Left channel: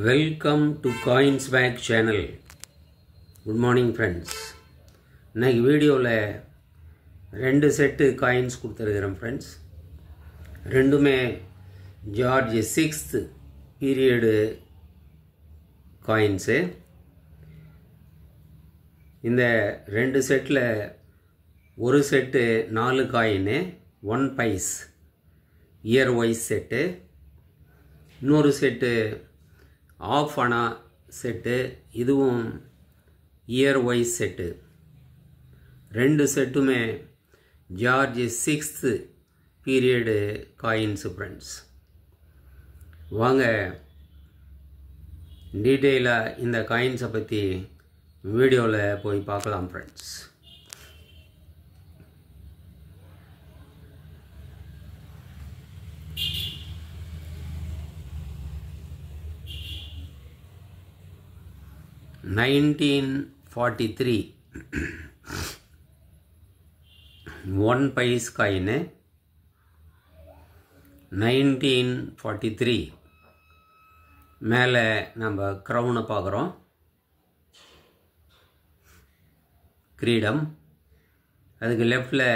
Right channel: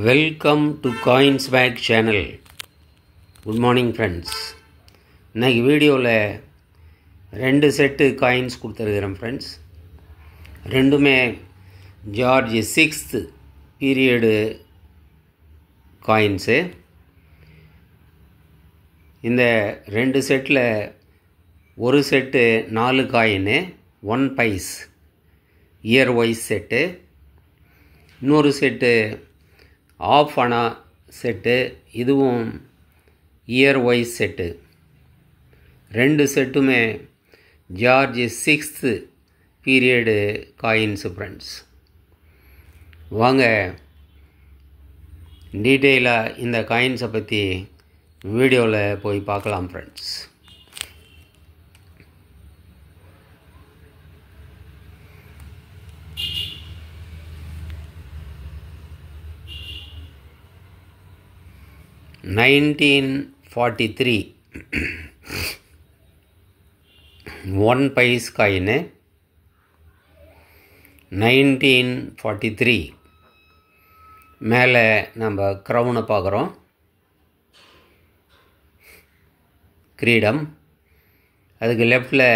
Welcome to coins back channel. Good morning friends. இன்றைக்கி வீடியோவில் 2 set coins கொடுத்துருக்குறேன் friends. ரெண்டுமே ஜார்ஜ் 6th பீரியடு காயின்ஸு. இந்த 2 செட்டில் ஒரு செட்டு 4 காயின்னு 1 பைஸ் இயர் வைஸ் செட்டு, இன்னொரு செட்டு ஆஃப் அனா செட்டு, இதுவும் இயர் வைஸ் செட்டு. 2 செட்டுமே George 6th period coins friends. வாங்க டீட்டெயிலாக இந்த காயின்ஸை பற்றி வீடியோவில் போய் பார்க்கலாம் ஃப்ரெண்ட்ஸ். $1943 1 பைஸ் காயின்னு. 1943 மேலே நம்ம க்ரௌனை பார்க்குறோம், கிரீடம். அதுக்கு லெஃப்டில்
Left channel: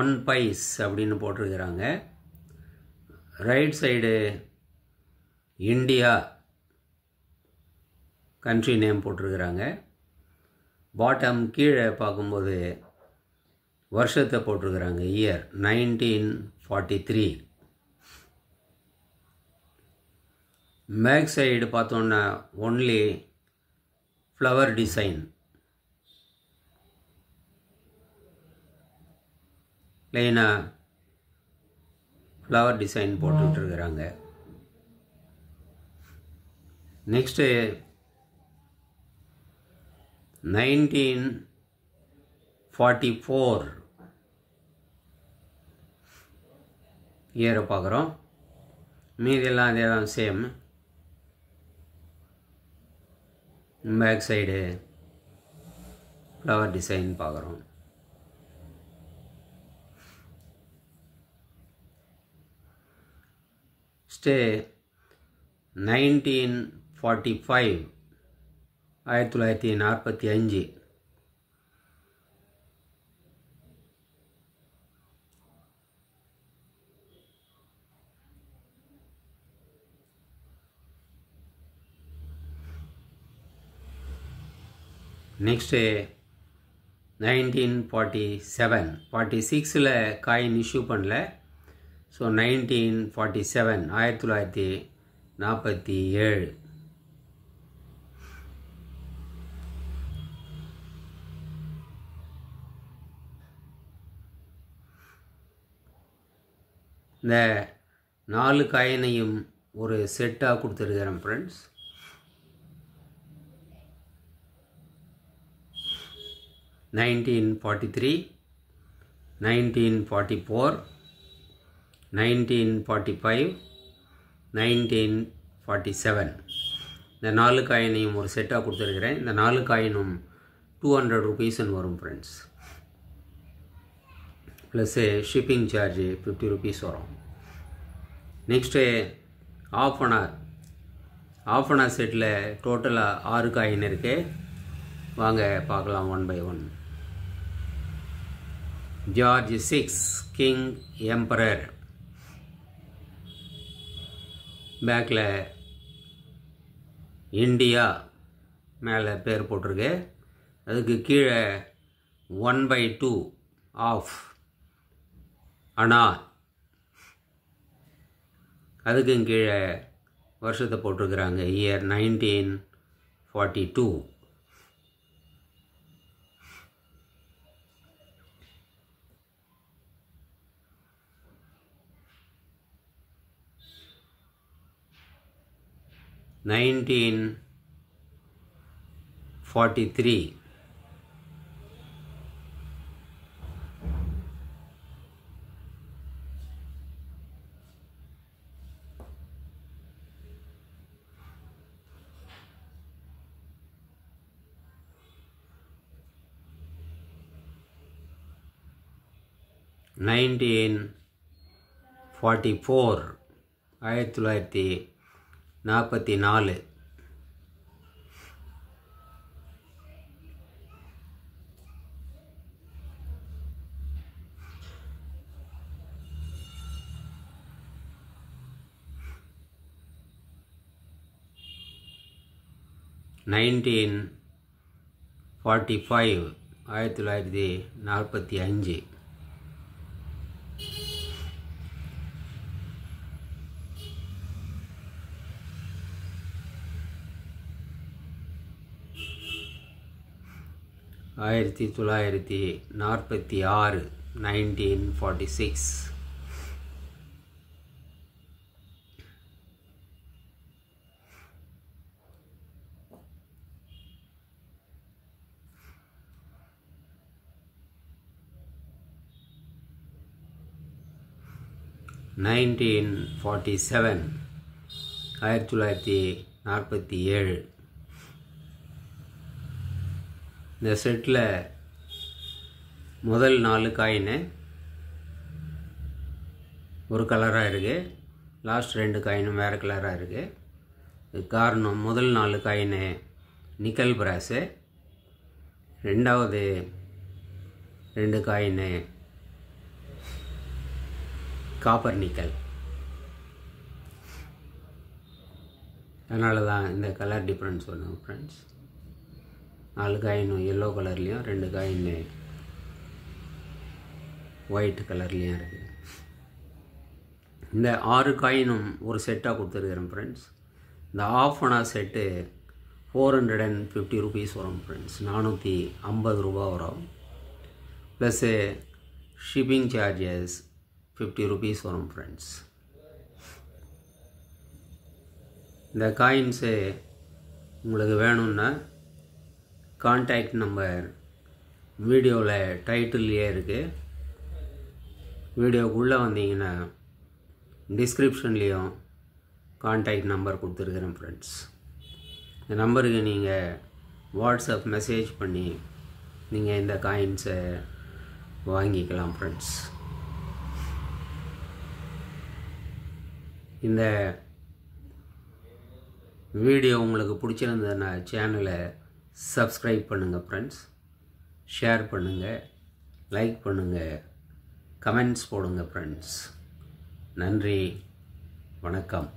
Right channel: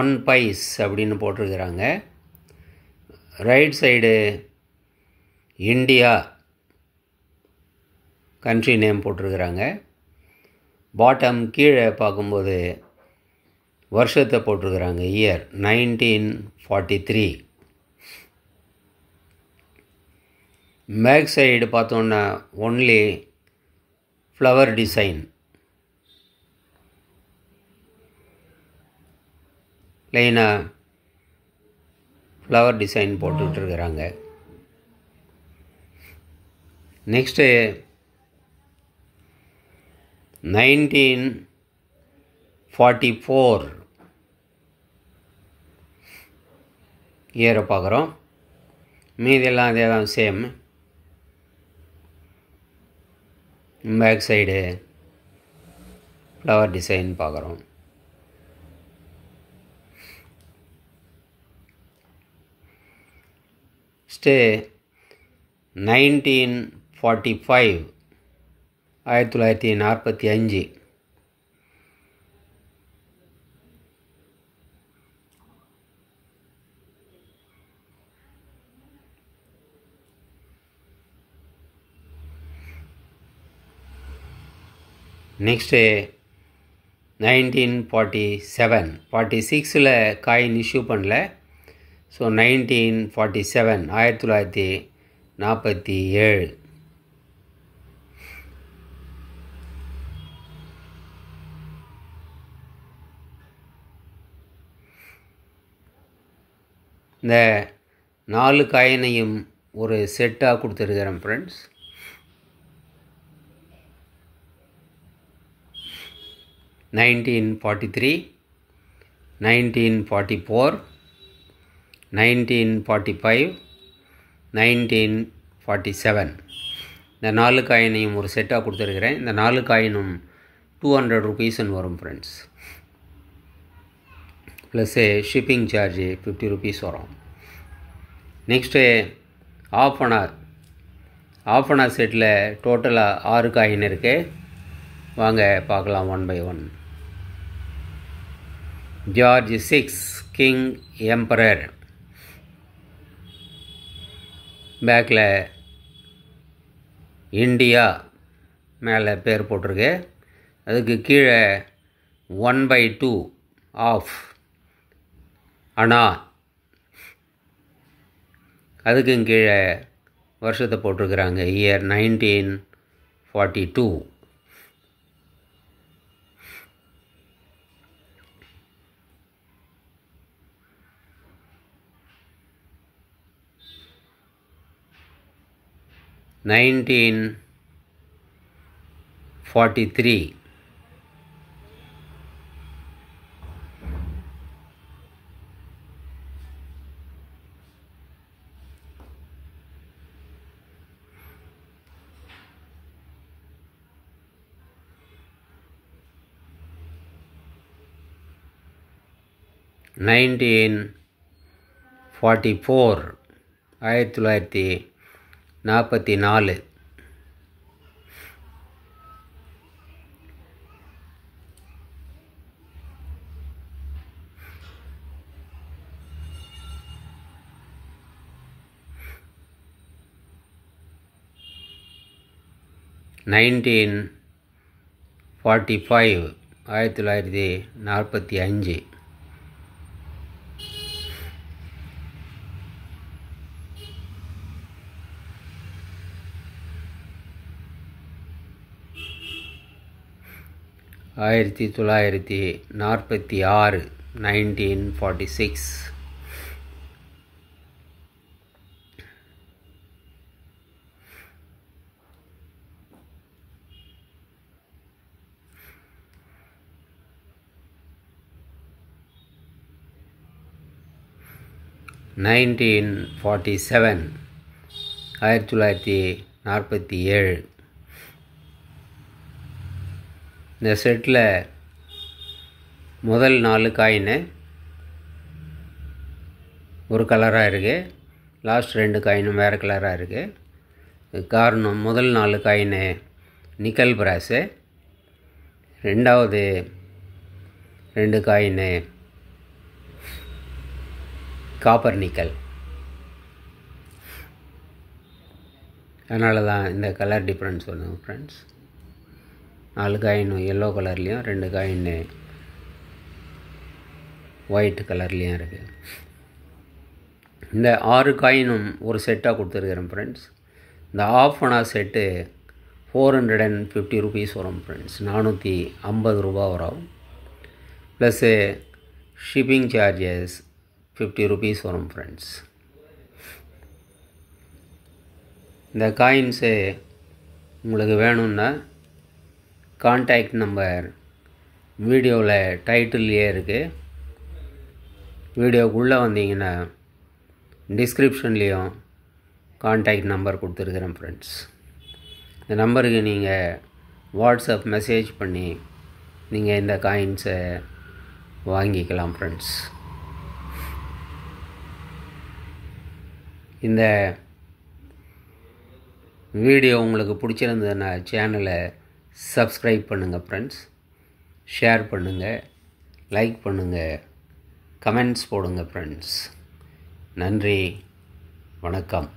1 பைஸ் அப்படின்னு போட்டிருக்கிறாங்க. Right side India country name போட்டிருக்கிறாங்க. பாட்டம் கீழே பார்க்கும்போது வருஷத்தை போட்டிருக்கிறாங்க, இயர் 1943. பேக் சைடு பார்த்தோன்னா ஒன்லி ஃப்ளவர் டிசைன், ப்ளைனாக ஃப்ளவர் டிசைன் போட்டுட்ருக்கிறாங்க. நெக்ஸ்ட்டு 1944 இயரை பார்க்குறோம். மீதெல்லாம் அதே தான், same. Back side flower design பார்க்குறோம். ஸ்டே 1945 1945. நெக்ஸ்ட்டு 1947. 46ல் காயின் இஷ்யூ பண்ணல. ஸோ 1947 1947. இந்த 4 காயினையும் ஒரு செட்டாக கொடுத்துருக்கிறேன் ஃப்ரெண்ட்ஸ். $1943, $1944, $1945, $1947. இந்த 4 காயினையும் ஒரு செட்டாக கொடுத்துருக்கிறேன். இந்த 4 காயினும் 200 rupeesன்னு வரும் friends. Plus shipping charge 50 rupees வரும். நெக்ஸ்ட்டு ஆஃப் அனா செட்டில் டோட்டலாக 6 காயின் இருக்குது. வாங்க பார்க்கலாம் one by one. George 6 king emperor. பேக்கில் இந்தியா மேலே பேர் போட்டிருக்கு. அதுக்கு கீழே 1/2 ஆஃப் அனா, அதுக்கும் கீழே வருஷத்தை போட்டிருக்கிறாங்க, இயர் 1942. $1943 1944 1944. 1945 1945 1946 1946 1947 1947 இந்த செட்டில் முதல் 4 காயினு ஒரு கலராக இருக்குது, லாஸ்ட் 2 காயினும் வேறு கலராக இருக்குது. காரணம் முதல் 4 காயினு நிக்கல் பிராஸு, ரெண்டாவது 2 காயினு காப்பர் நிக்கல். அதனால தான் இந்த கலர் டிஃப்ரென்ஸ் வருது ஃப்ரெண்ட்ஸ். 4 காயினும் எல்லோ கலர்லேயும் 2 காயின்னு ஒயிட் கலர்லேயும் இருக்குது. இந்த 6 காயினும் ஒரு செட்டாக கொடுத்துருக்குறேன் ஃப்ரெண்ட்ஸ். இந்த ஆஃப் அனா செட்டு 450 rupees வரும் ஃப்ரெண்ட்ஸ். 450 ரூபா வரும். ப்ளஸ்ஸு ஷிப்பிங் சார்ஜஸ் 50 rupees வரும் ஃப்ரெண்ட்ஸ். இந்த காயின்ஸு உங்களுக்கு வேணும்னா கான்டாக்ட் நம்பர் வீடியோவில் டைட்டில்லையே இருக்குது. வீடியோக்குள்ளே வந்தீங்கன்னா டிஸ்கிரிப்ஷன்லேயும் கான்டாக்ட் நம்பர் கொடுத்துருக்குறேன் ஃப்ரெண்ட்ஸ். இந்த நம்பருக்கு நீங்கள் வாட்ஸ்அப் மெசேஜ் பண்ணி நீங்கள் இந்த காயின்ஸை வாங்கிக்கலாம் ஃப்ரெண்ட்ஸ். இந்த வீடியோ உங்களுக்கு பிடிச்சிருந்ததுன்னா சேனலை சப்ஸ்கிரைப் பண்ணுங்கள் ஃப்ரெண்ட்ஸ். ஷேர் பண்ணுங்கள், லைக் பண்ணுங்கள், கமெண்ட்ஸ் போடுங்க ஃப்ரெண்ட்ஸ். நன்றி, வணக்கம்.